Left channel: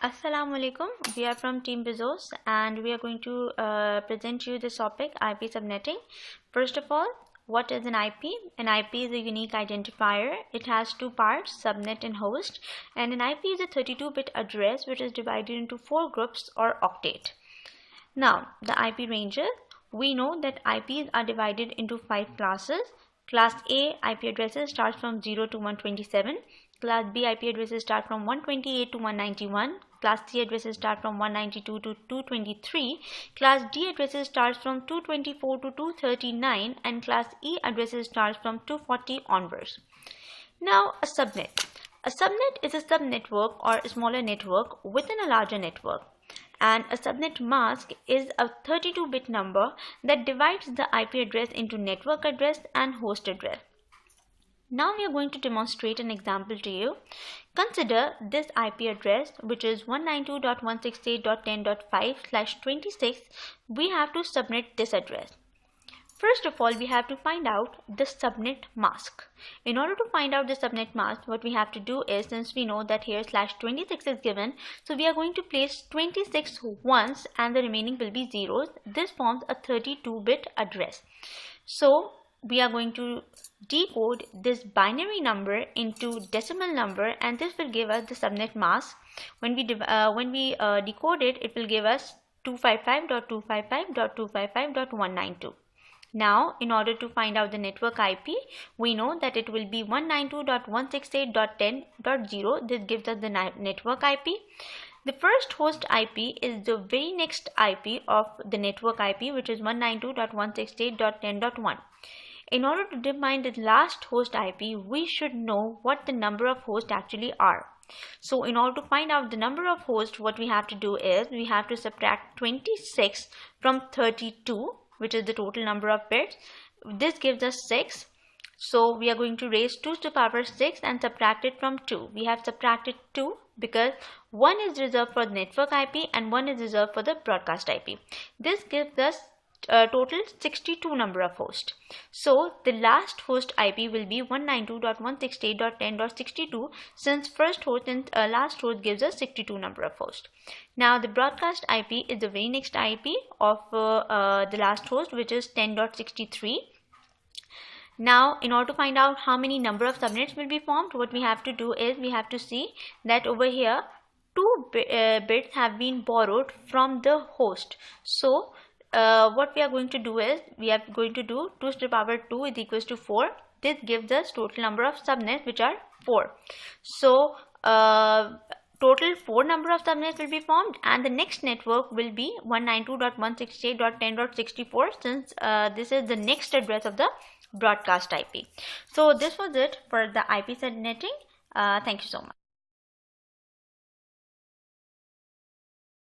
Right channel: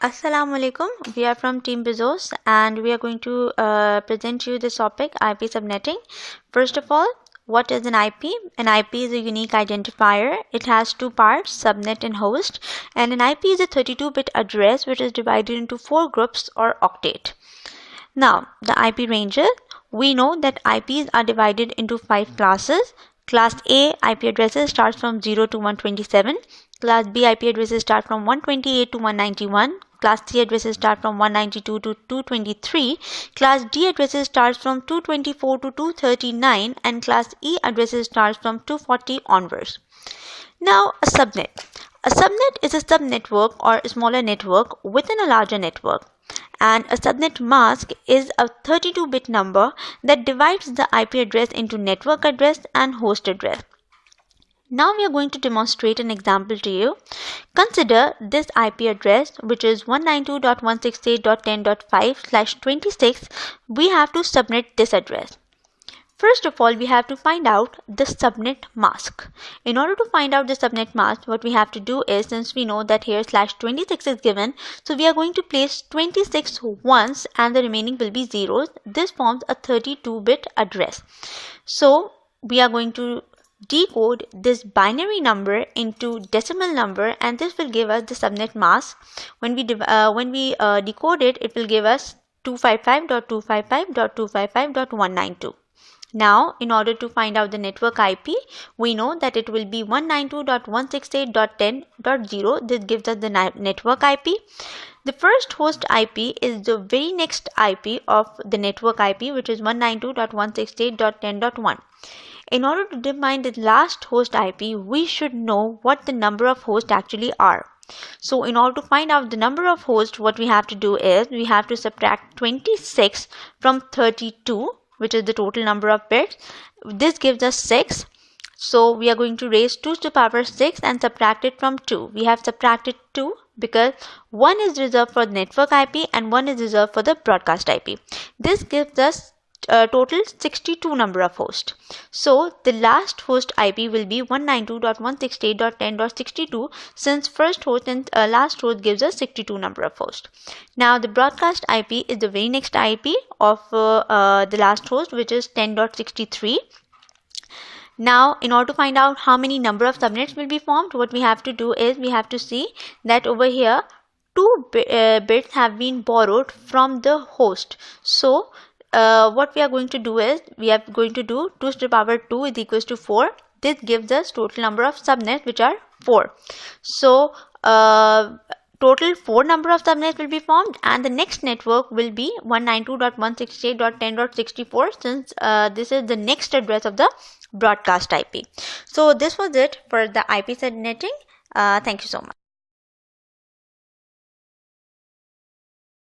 Assalamu alaikum. We are from Team BEZOS and we are going to present you this topic, IP subnetting. First of all, what is an IP? An IP is a unique identifier. It has two parts, subnet and host. And an IP is a 32-bit address which is divided into 4 groups or octet. Now, the IP ranges. We know that IPs are divided into 5 classes. Class A IP addresses starts from 0 to 127. Class B IP addresses start from 128 to 191. Class C addresses start from 192 to 223. Class D addresses starts from 224 to 239. And Class E addresses starts from 240 onwards. Now, a subnet. A subnet is a subnetwork or a smaller network within a larger network. And a subnet mask is a 32-bit number that divides the IP address into network address and host address. Now we are going to demonstrate an example to you. Consider this IP address, which is 192.168.10.5/26. We have to subnet this address. First of all, we have to find out the subnet mask. In order to find out the subnet mask, what we have to do is, since we know that here /26 is given, so we are going to place 26 once and the remaining will be zeros. This forms a 32-bit address. So we are going to decode this binary number into decimal number, and this will give us the subnet mask. When we decode it, it will give us 255.255.255.192. Now, in order to find out the network IP, we know that it will be 192.168.10.0. This gives us the network IP. The first host IP is the very next IP of the network IP, which is 192.168.10.1. In order to define the last host IP, we should know what the number of hosts actually are. So in order to find out the number of hosts, what we have to do is we have to subtract 26 from 32, which is the total number of bits. This gives us 6. So we are going to raise 2 to the power 6 and subtract it from 2. We have subtracted 2 because 1 is reserved for the network IP and 1 is reserved for the broadcast IP. This gives us total 62 number of hosts. So the last host IP will be 192.168.10.62, since first host and last host gives us 62 number of hosts. Now the broadcast IP is the very next IP of the last host, which is 10.63. Now, in order to find out how many number of subnets will be formed, what we have to do is we have to see that over here 2 bits have been borrowed from the host. So what we are going to do is we are going to do 2 to the power 2 is equals to 4. This gives us total number of subnets, which are 4. So total 4 number of subnets will be formed, and the next network will be 192.168.10.64, since this is the next address of the broadcast IP. So this was it for the IP subnetting. Thank you so much.